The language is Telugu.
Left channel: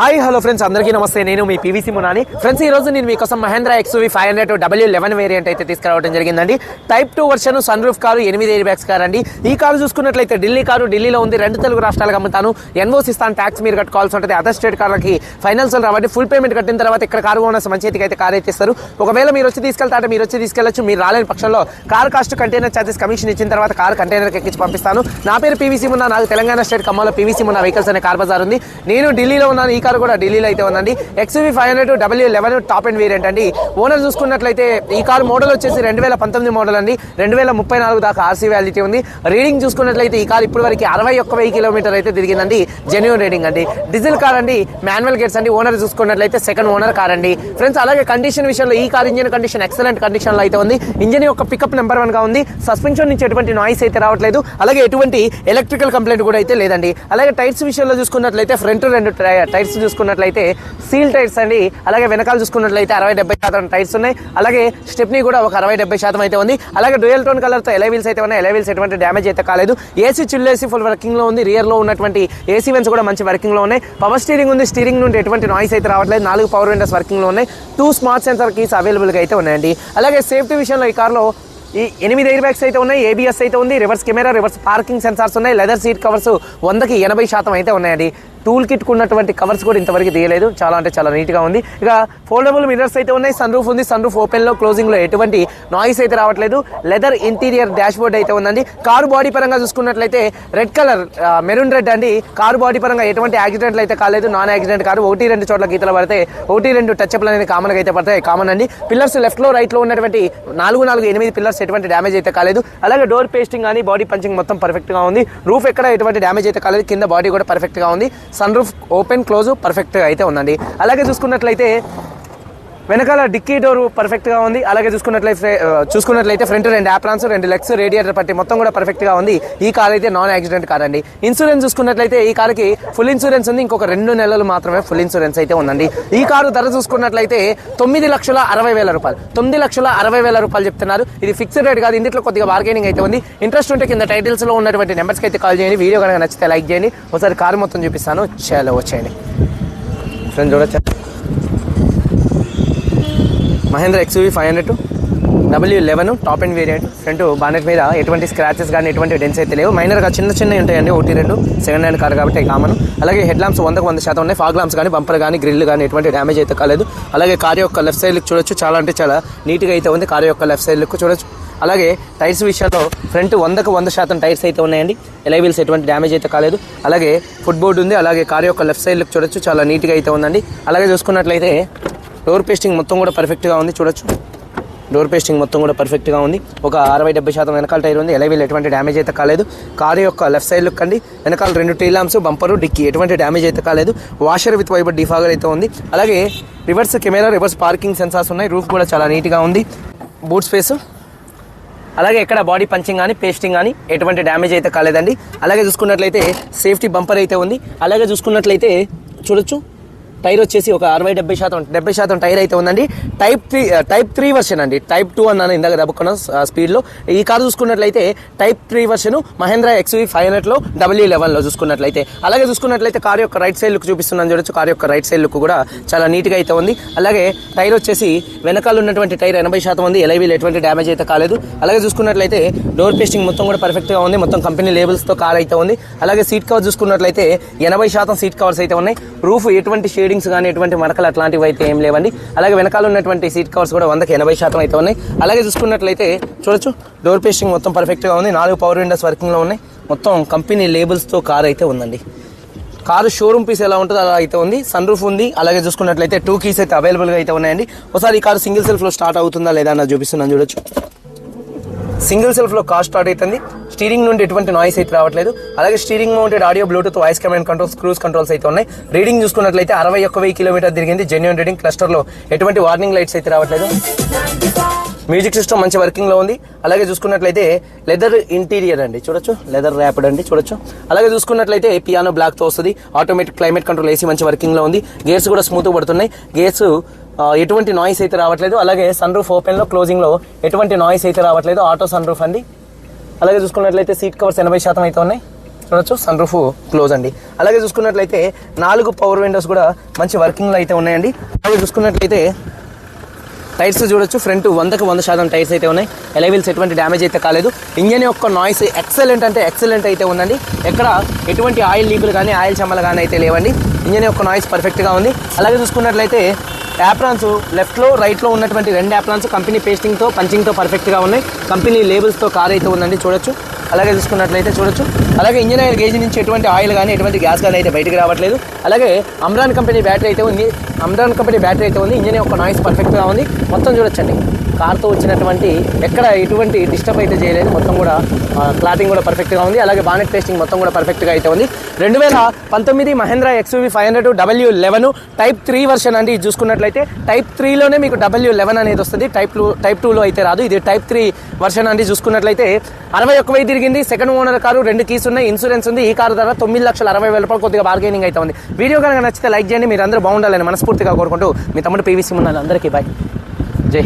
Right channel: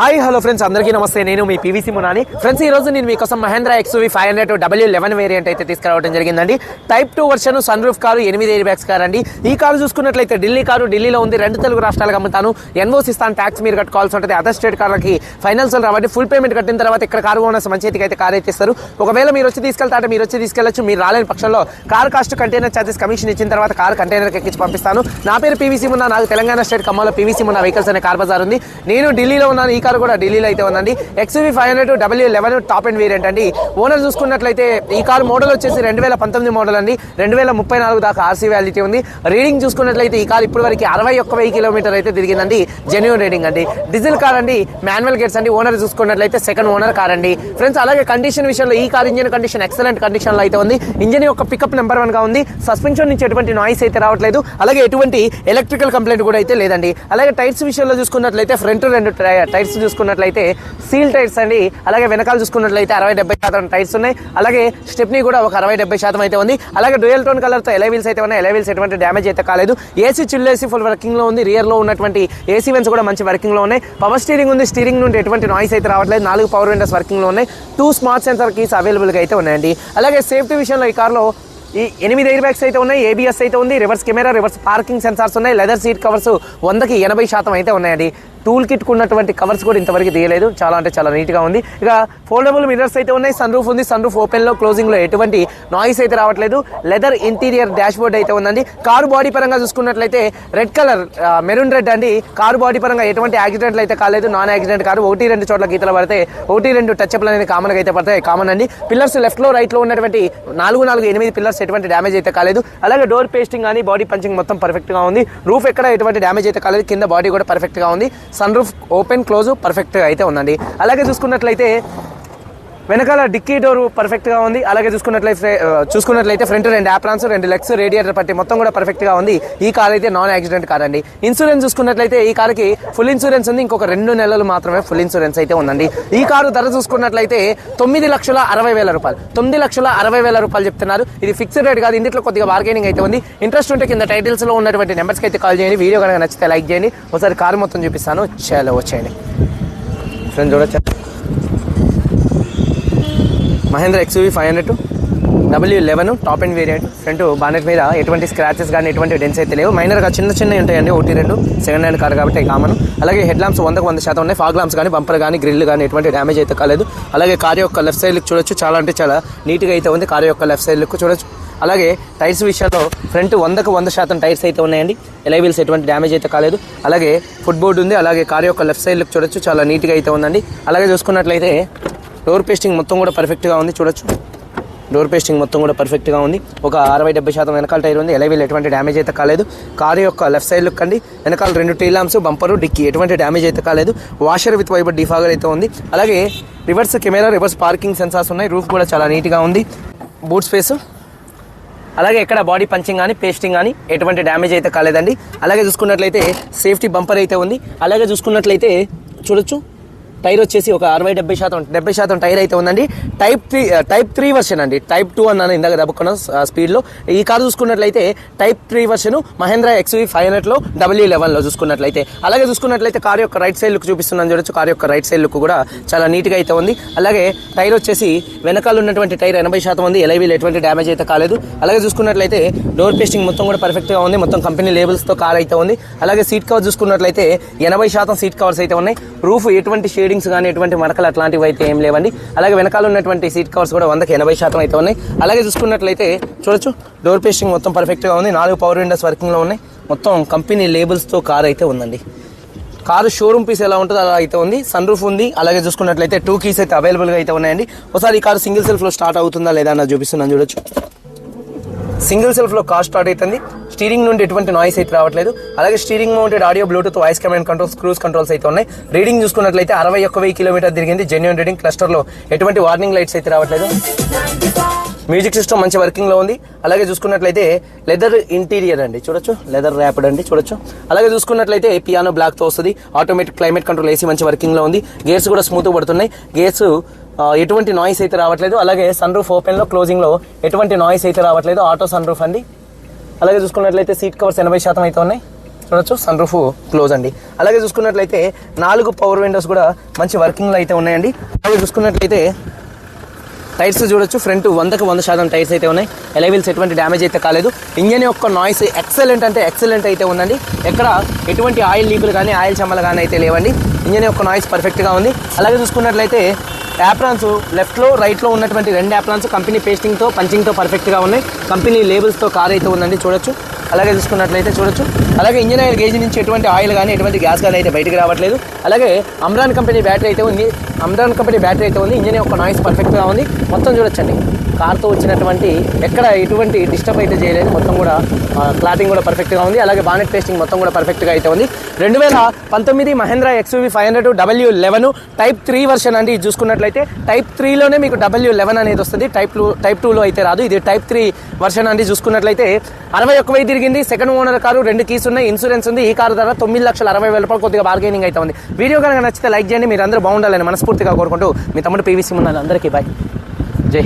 హాయ్ హలో ఫ్రెండ్స్, అందరికీ నమస్తే. నేను మీ పీవీసీ మునాని. ఫ్రెండ్స్, ఈ రోజు నేను మీకోసం మహేంద్ర XUV 500 W11 వేరియంట్ అయితే తీసుకురావడం జరిగిందండి. Type 2 version sun roof car, 8 air bags car అండి. ఈ కారు చూసుకున్నట్లయితే ఢిల్లీ కారు, ఢిల్లీలో ఉంది. 2 తెలుగు రాష్ట్రాలకు అమ్ముతాను. ఎన్ఓసి ఇస్తాను, ట్యాక్స్ మీరు కట్టుకోవాల్సి ఉంటుంది. అదర్ స్టేట్ కార్లకి ఫైనాన్స్ రాబట్టి ఫుల్ పేమెంట్ కట్టిన తర్వాత ఇక్కడ కారు ఓనర్స్ మంచి చేతికి అయితే కార్ అయితే ఇస్తారు. ఒకవేళ మీరు వచ్చి తీసుకెళ్తారంటే మీరు వచ్చి తీసుకెళ్లొచ్చు. మీరు రాలేని పక్షంలో car cost container charges commission ఇచ్చిన తర్వాత కారు కంటైనర్కి ఎక్కించి పంపిస్తాను. నా పేరు పీవీసీ మున్నా. నాకు తెలంగాణ స్టేట్ ఖమ్మంలో పీవీసీ మున్నా వెహికల్స్ అనే కార్ బజార్ ఉంది. నేను ఢిల్లీలో ఉన్నాను. ఈ కారు కూడా ఢిల్లీలో అయితే ఉందండి. XUV 500 W11 top and variant అండి. ఓనర్ చూసుకున్నట్లయితే ఈ కారు మోడల్ వచ్చేసి 2019 మోడల్ అండి. 2034 దాకా ఆర్సీ వ్యాలిటీ ఉంది. రీడింగ్ చూసుకున్నట్లయితే ఈ కారు ఇప్పటి వరకు 61,000 కిలోమీటర్ అయితే తిరిగిందండి. జెన్యూన్ రీడింగ్ అండి. డీజిల్ కార్ అండి. మాన్యువల్ గేర్స్ అండి. ఓనర్ చూసుకున్నట్లయితే సెకండ్ ఓనర్ కార్ అండి. ఫ్రెండ్స్, అలాగే కండిషన్ విషయంలో ఈ car engine condition excellent condition లో అయితే ఉంది. ఇంజిన్ యొక్క పికప్ నెంబర్ 1 గా ఉంది. సస్పెన్షన్ నుంచి ఎటువంటి నాయిస్ అయితే రావట్లేదు. అలాగే ఎటువంటి ఎలక్ట్రికల్ కంప్లైంట్ కూడా అయితే లేదండి. అలాగే టైర్స్ విషయంలో చూసుకున్నట్లయితే ఫ్రంట్ 2 టైర్స్ చూసుకున్నట్లయితే సీల్ టైర్స్ అండి. అలాగే వెనకాల చూసుకున్నట్లయితే 60-70% టైర్స్ ఉన్నాయి. అలాగే స్టెప్నీ కూడా ఒక 60-70% అయితే ఉంది. అలాగే డ్యూయల్ టోన్ కలర్ తో ఎలైవీల్స్ అయితే ఉన్నాయి. ఎలైవీల్స్ ఎటువంటి డ్యామేజ్ అయితే కాలేదు. AC chill AC full working లో ఉంది. రియర్ లో ఉన్నటువంటి ఏసీ వెన్స్ కూడా మంచి వర్కింగ్ లో ఉన్నాయి. పవర్ స్టీరింగ్ ఉంది. స్టీరింగ్ నుండి ఎటువంటి నాయిస్ అయితే రావట్లేదు. 4 పవర్ విండోస్ వర్కింగ్ లో ఉన్నాయి. 2 స్మార్ట్ సెన్సార్ కీస్ అవైలబుల్ గా అయితే ఉన్నాయండి. అలాగే సేఫ్టీ విషయంలో ఈ కార్లో 8 ఎయిర్ బ్యాగ్స్ అయితే ఉన్నాయి. ABS అయితే ఉంది. Reverse camera, reverse parking sensors ఉన్నాయి. లెదర్ సీట్ కవర్స్ 100కి 80% అయితే ఉన్నాయండి. టూల్ కిట్ ఉన్నటువంటి కవర్స్ కూడా ఇంతవరకు తీయలేదు. చాలా అంటే చాలా నీట్ గా ఉంది. ఇక ఫోల్డబుల్ మిర్రర్స్ అయితే ఉన్నాయి. సన్ రూఫ్ ఉంది. సన్ రూఫ్ ఓపెన్ లో, క్లోజింగ్ లో ఎటువంటి నాయిస్ అయితే రావట్లేదు. లెదర్ ఇంటీరియర్ డాష్ బోర్డ్ అయితే ఉందండి. కారు బాడీ పరంగా చూసుకున్నట్లయితే రెడ్ కలర్, మెరూన్ రెడ్ అండి. కారు బాడీ పరంగా ఎటువంటి యాక్సిడెంట్లు అయితే కాలేదు. Non accident car. 1-2 చోట్ల గీతలు పడితే 1-2 టచ్అప్లు అనేది కామన్ గా అయితే పడతాయి. కామన్ అండి. పిల్లర్స్ లెఫ్ట్ లో, రైట్ లో ఉన్నటువంటి 4-8 పిల్లర్స్ ఎటువంటి డ్యామేజ్ అయితే కాలేదు. అలాగే డోర్ పేస్టింగ్ కానీ బాడీ పంచింగ్ మొత్తం పర్ఫెక్ట్ గా ఉంది. రూఫ్ ఎక్కడ ఎటువంటి డ్యామేజ్ అయితే కాలేదు. కింద బాడీ కూడా పర్ఫెక్ట్ గా ఉంది. Sun roof open close perfect అయితే ఉందండి. అలాగే చూసుకున్నట్లయితే వెనకాల డిక్కీ డోర్ పర్ఫెక్ట్ గా ఉంది. అలాగే చూసుకున్నట్లయితే ఫ్రంట్ 2 యాప్రాన్స్, 2 లెగ్స్, రేడియేటర్ పట్టి మొత్తం కూడా పర్ఫెక్ట్ గా ఉంది. ఈ కార్ అయితే నాన్ యాక్సిడెంట్ కార్ అండి. ఇన్సూరెన్స్ చూసుకున్నట్లయితే ఈ కార్కి ఫుల్ ఇన్సూరెన్స్ ఉంది. ఇంకొక 2 నెలలు మాత్రమే ఫుల్ ఇన్సూరెన్స్ అయితే ఉందండి. ఈ కారు ధర చూసుకున్నట్లయితే 9,60,000 రూపాయలు. 9,60,000 రూపాయలు చెప్తున్నారు. ఇది ఫిక్స్డ్ రేట్ కాదు. ఇందులో కొద్దిగా బార్గెనింగ్ అయితే ఉంది. ఇంట్రెస్ట్ ఉంటే కింద టైటిల్స్ లో ఉన్నటువంటి నెంబర్స్కి అయితే కాల్ చేయండి. వీడియో కనుక నచ్చితే లైక్ చేయండి. ఒకసారి కారు మొత్తం చూపిస్తాను. చాలా వచ్చేయండి ఫ్రెండ్స్, చూడొచ్చా. Mahindra XUV 500 W11 top and variant. Front bonnet మీద ఎటువంటి స్క్రాచెస్ కానీ ఎటువంటి డెన్స్ అయితే లేవు. మైనర్గా చిన్న ఉంటాయండి. 1-2 సెకండ్ హ్యాండ్ కార్ కాబట్టి కామన్. అలాగే హెడ్ ల్యాంప్స్ 100% ఉన్నాయి. ఫాగ్ ల్యాంప్స్ కానీ, బంపర్ కానీ, గ్రిల్ కానీ ఎటువంటి డ్యామేజ్ అయితే కాలేదు. అలాగే కార్ యొక్క లెఫ్ట్ సైడ్ లుక్ చూడొచ్చు. చాలా అంటే చాలా నీట్గా అయితే ఉంది. కార్ యొక్క లెఫ్ట్ సైడ్ లుక్ చూడొచ్చు. అలాగే టైర్స్ విషయంలో ఫ్రంట్ 100% టైర్స్ అయితే ఉన్నాయండి. ఎలైవీల్స్ ఎటువంటి డ్యామేజ్ అయితే కాలేదు. అలాగే ఫుట్ బోర్డు ఉంది. అలాగే కార్ యొక్క లెఫ్ట్ సైడ్ లుక్ చూడొచ్చు. చాలా నీట్గా అయితే ఉందండి. అలాగే చూసుకున్నట్లయితే డోర్ పేస్టింగ్ మొత్తం కూడా పర్ఫెక్ట్గా ఉంది. చూడొచ్చు, డోర్ పేస్టింగ్ మొత్తం కూడా పర్ఫెక్ట్గా ఉంది. ఒక 60-70% వెనకాల టైర్ ఉంది. ఎలైవీల్ ఎటువంటి డ్యామేజ్ అయితే కాలేదు. కారు యొక్క లెఫ్ట్ సైడ్ లుక్ అండి. వెనకాల 2 టైల్ ల్యాంప్స్, బంపరు, డిక్కీ ఎటువంటి డ్యామేజ్ అయితే కాలేదు. వాషర్ విత్ వైబర్ డిఫాగర్ అయితే ఉంది. అలాగే reverse camera, reverse parking sensors ఉన్నాయి. రూఫ్ కూడా చాలా నీట్గా ఉంది. బూట్ స్పేస్, అలాగే ఎక్కడ బాడీ పంచింగ్ కానీ, పేస్టింగ్ కానీ ఎటువంటి డ్యామేజ్ అయితే కాలేదండి. అలాగే చూసుకున్నట్లయితే సేఫ్టీ బంపర్ అయితే ఉంది. అలాగే చూసుకున్నట్లయితే చూడొచ్చు, టైర్ వచ్చేసి ఒక 60-70% టైర్ అయితే ఉందండి. టైప్ 3 వర్షన్ అండి. టైప్ 2 అన్నాను ఇందాక దబ్బుకున్న స్పీడ్లో. ఈ కారు చూసుకున్నట్లయితే type 3 version Mahindra XUV 500 W11 చూసుకున్నట్లయితే. అలాగే చూసుకున్నట్లయితే కారు యొక్క రైట్ సైడ్ లుక్ చూపిస్తున్నాను చూడొచ్చు. కారు యొక్క రైట్ సైడ్ లుక్ కూడా చాలా నీట్గా అయితే ఉంది. అలాగే టైర్ వచ్చేసి వెనకాల ఉన్నటువంటి టైర్ 80% ఉంది. ఎలైవీల్ ఎటువంటి డ్యామేజ్ అయితే కాలేదు. అలాగే చూసుకున్నట్లయితే డోర్ పేస్టింగ్ మొత్తం కూడా పర్ఫెక్ట్గా ఉంది. మొత్తం కంపెనీ లేబుల్స్తో కార్ అయితే ఉంది. అలాగే సీట్ కవర్ చూసుకున్నట్లయితే 80% సీట్ కవర్స్ అయితే ఉన్నాయి. రూఫ్ ఎటువంటి కానీ ఎటువంటి మరకలు అట్లాంటివి అయితే ఏం లేవండి. అలాగే వెనకాల ఉన్నటువంటి సీట్ కవర్స్ కూడా 100కి 80% అయితే ఉన్నాయి. అలాగే చూసుకున్నట్లయితే చూడొచ్చు, డోర్ పేస్టింగ్ మొత్తం పర్ఫెక్ట్ గా ఉంది. 4 పవర్ విండోస్ వర్కింగ్ లో ఉన్నాయి. మొత్తం కంపెనీ లేబుల్స్ తో కార్ అయితే ఉందండి. కారు షోరూమ్ పీస్ ఎలా ఉంటుందో అలా అయితే ఉంది. సన్ రూఫ్ ఉంది. అలాగే చూసుకున్నట్లయితే 2 కీస్ అయితే అవైలబుల్ గా అయితే ఉన్నాయండి. ఒకసారి ఈ కార్ సింగిల్ సెల్ఫ్ లో స్టార్ట్ అవుతుందా లేదా అన్నది చూపిస్తున్నాను చూడొచ్చు. సింగిల్ సెల్ఫ్ లో కార్ స్టార్ట్ అవుతుంది. స్టీరింగ్ నుండి ఎటువంటి నాయిస్ అయితే రావట్లేదు. అలాగే steering mounted audio, Bluetooth, voice command controls, cruise controls అయితే ఉన్నాయి. రీడింగ్ చూసుకున్నట్లయితే 61,000 కిలోమీటర్ తిరిగింది. Genuine reading. క్లస్టర్ లో ఎటువంటి వార్నింగ్ లైట్స్ అయితే రావట్లేదు. మ్యూజిక్ సిస్టమ్ మంచి వర్కింగ్ లో ఉంది. అలాగే చూసుకున్నట్లయితే లెదర్ ఇంటీరియర్ అండి. చూడొచ్చు, లెదర్ ర్యాపిడ్ అండి. చూడొచ్చు. అలాగే చూసుకున్నట్లయితే పియానో బ్లాక్ తో వస్తుంది. ఆటోమేటిక్ క్లైమేట్ కంట్రోల్ ఏసీ మంచి వర్కింగ్ లో ఉంది. గేర్స్ కూడా స్మూత్ పడుతున్నాయి. గేర్స్ ఎటువంటి నాయిస్ అయితే రావట్లేదు. అలాగే సన్ రూఫ్ ఓపెన్ లో, క్లోజింగ్ లో ఎటువంటి నాయిస్ అయితే రావట్లేదు. ఆటో సన్ రూఫ్ అండి. అలాగే చూసుకున్నట్లయితే సీట్ కవర్స్ 80% అయితే ఉన్నాయి. చూడొచ్చు సన్ రూఫ్ క్లోజ్ అండి. అలాగే చూసుకున్నట్లయితే 4 పవర్ విండోస్ కూడా మంచి వర్కింగ్లో అయితే ఉన్నాయండి. అలాగే చూసుకున్నట్లయితే టైర్స్ చూడొచ్చు, ఫ్రంట్ 100% టైర్స్ అయితే ఉన్నాయి. ఎలైవిల్స్ ఎటువంటి డ్యామేజ్ అయితే కాలేదు. ఇంజన్ యొక్క నాయిస్ ఎక్సలెంట్ అంటే ఎక్సలెంట్ అయితే ఉందండి. ఎక్కడ ఎటువంటి ఆయిల్ లీకులు కానీ ఆయిల్ చెమ్మలు కానీ అయితే లేవండి. ఇంజన్ యొక్క నాయిస్ పర్ఫెక్ట్గా ఉంది. అలాగే చూసుకున్నట్లయితే యాప్రాన్స్ లెఫ్ట్లో రైట్లో ఉన్నటువంటి 2 యాప్రాన్స్ కంపెనీ పేస్టింగ్తో పంచింగ్తో పర్ఫెక్ట్గా ఉన్నాయి. కంపెనీ లేబుల్స్తో కార్ అయితే ఉందండి చూడొచ్చు. అలాగే చూసుకున్నట్లయితే చూడొచ్చు. అలాగే ఇంజన్ ఆయిల్ గేజ్ నుంచి ఎటువంటి ఆయిల్ కానీ ఎటువంటి గ్యాస్ కానీ అయితే బయటకు రావట్లేదు. అలాగే అమ్రాన్ కంపెనీ బ్యాటరీ అయితే ఉంది. ఇంజన్ యొక్క నాయిస్ పర్ఫెక్ట్గా ఉంది. మొత్తం చూడొచ్చండి, కార్తో వచ్చినటువంటి ఎక్కడ ఎటువంటి డిస్టర్బ్ అయితే చేయలేదు. మొత్తం కూడా క్లాతింగ్ కూడా పర్ఫెక్ట్గా ఉంది. అలాగే బానెట్ పేస్టింగ్ మొత్తం కూడా పర్ఫెక్ట్గా అయితే ఉంది. 2019 Mahindra XUV 500 W11 type 3 version అండి. ఇది చూసుకున్నట్లయితే టైప్ 3లోనే మీకు W11 అనేది వస్తుంది. టైప్ 2లో అయితే రాదు. ఇది టైప్ 3 వర్షన్ అండి. చూసుకున్నట్లయితే 61,000 తిరిగింది. సెకండ్ ఓనర్ కారు, 2 కీస్ ఉన్నాయి, ఇన్సూరెన్స్ ఉంది. ఈ కారు ధర 9,60,000 రూపాయలు. కొద్దిగా బార్గెనింగ్ అయితే ఉంది. వీడియో కనుక నచ్చితే లైక్ చేయండి. మీరు అందరూ బాగుండాలని మనస్ఫూర్తిగా కోరుకుంటూ మీ తమ్ముడు PVC ముందు అందరికీ బాయ్, జై.